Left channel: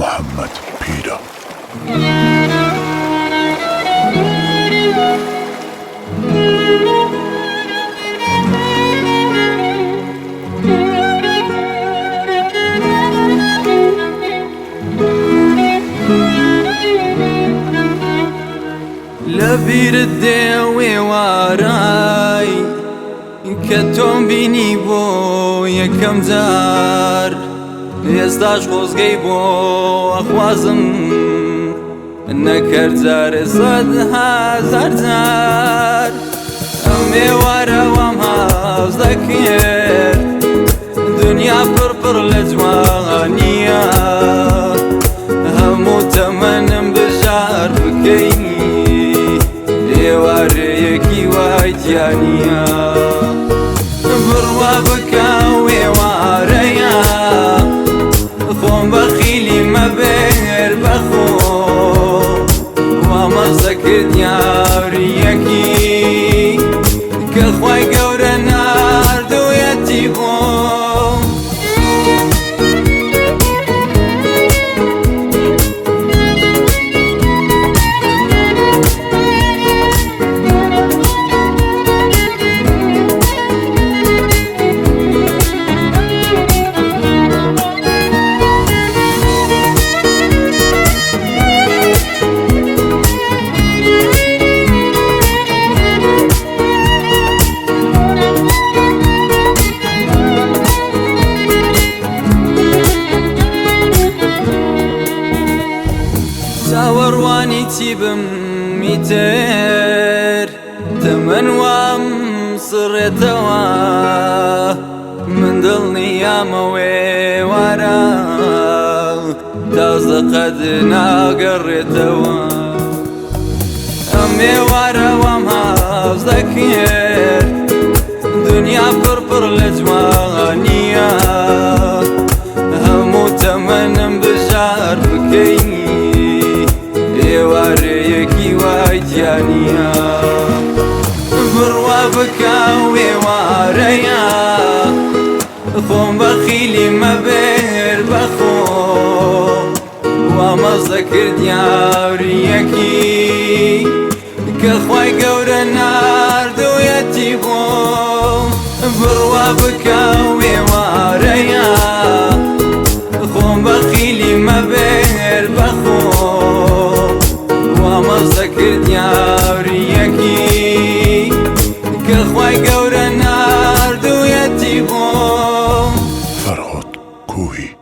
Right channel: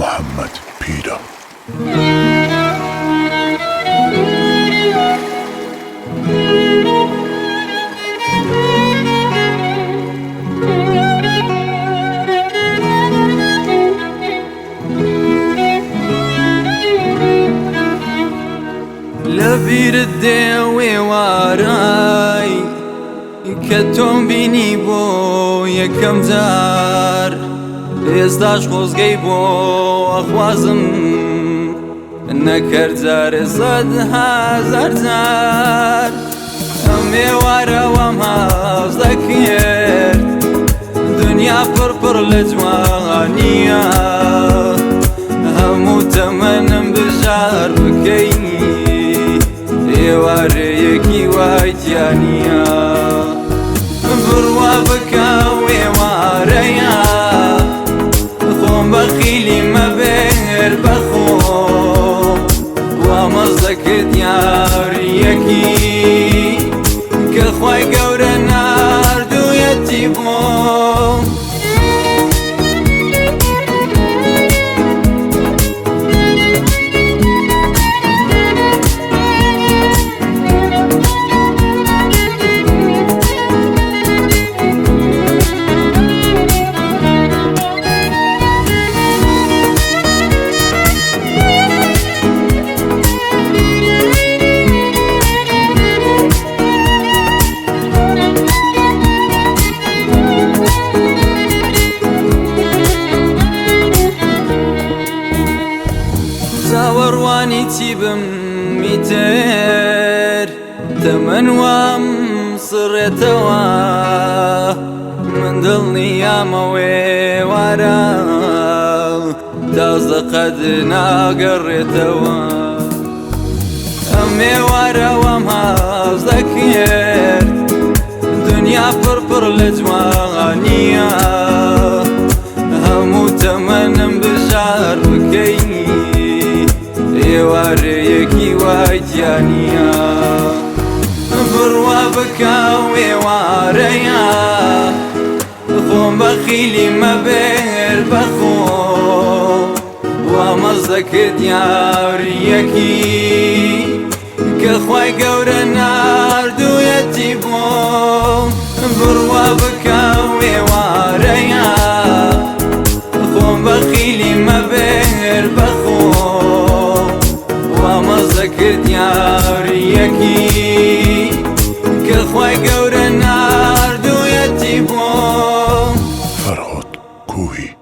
محمد پیرە. لبير الدوي واراي كتوم بيني بو يكم زار يزداش خوزگي بو اخوازم نكر زار صد هزار زار امي وارا وام هاوز ذكر دنيا فرفر لجوانيا همو تمنم بجار بكيني واريكي وايتيانيا بروا بكاوي واريا خوم بخيلي ما بير بخو ومزدك دياريكي كخواي قور نار دو يتيبو ورواني تيبم ميتر تمن وام صريتوا من ضلني يا موي ورا تصدقدنا قريتوا امي ورا وام هاوز ذكرت دنيا فرفر لجوانيا همو تمن بجار بكيني واريكي وايتيانيا بروا بكاوي واريا خوم بخيلي ما بير بخو ومزدك دياريكي كخواي قور نار دو يتيبو بروا بكاوي واريا خوم بخيلي ما بير بخو ومزدك دياريكي كخواي قور نار دو يتيبو فرهاد کوهی.